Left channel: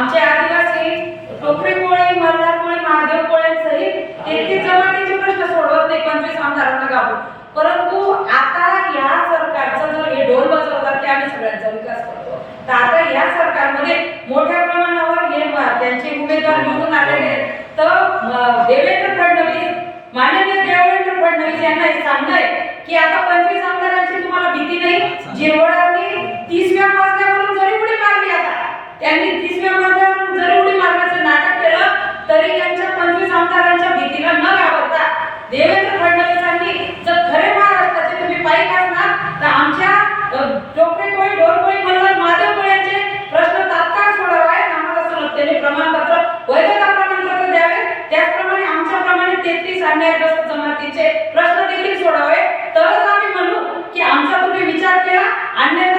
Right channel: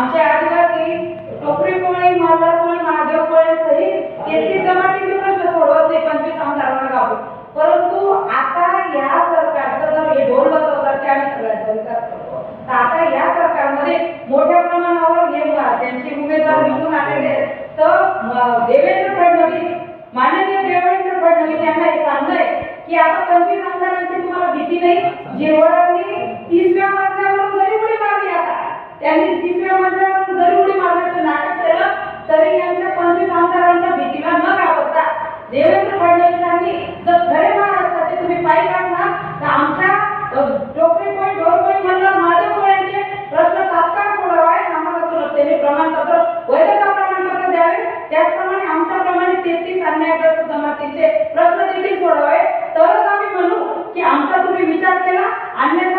आमचे आदिवासी टोकरी कोळी मालदार कोळी महादेव कोळी सहित तेथील जमातीचे प्रश्न सोडवत नाही पंचवीस आमदारांना गाव परंतु आता या सरकारचं जर हे ढोल बसवतात की आम्ही सगळ्यांचा विकास करतो तर आता या सरकारमध्ये मोठ्या प्रमाणावर हे त्यांचे उमेदवार निवडून आलेले आहेत. तर देवेंद्र फडणवीस माननीय देवेंद्र फडणवीस यांना हे आहे की आता पंचवीस आमदारांची तुम्हाला भीती नाही जेवढा त्यांनी तिसव्या मजल्यावरून जरी उडी मारण्याचं नाटक केलं तरी त्यांच्या पंचवीस आमदारांच्या भीतीला न घाबरता देवेंद्र फडणवीसांनी जर खरे महाराष्ट्राचे तुम्ही पाईक असणार तर आमच्या डोकळे कोळी ढोरकोळी मल्हार महादेव प्रश्न तात्काळ सोडवावे आम्हाला सुलभतेने प्रमाणपत्र वैधता प्रमाणपत्र द्यावे त्याचप्रमाणे आमच्याप्रमाणे तेहतीस अन्यायग्रस्त जमातीचे प्रश्न देखील सोडावे तरच आम्ही म्हणू की आमचा तुम्ही विचार केला अन्य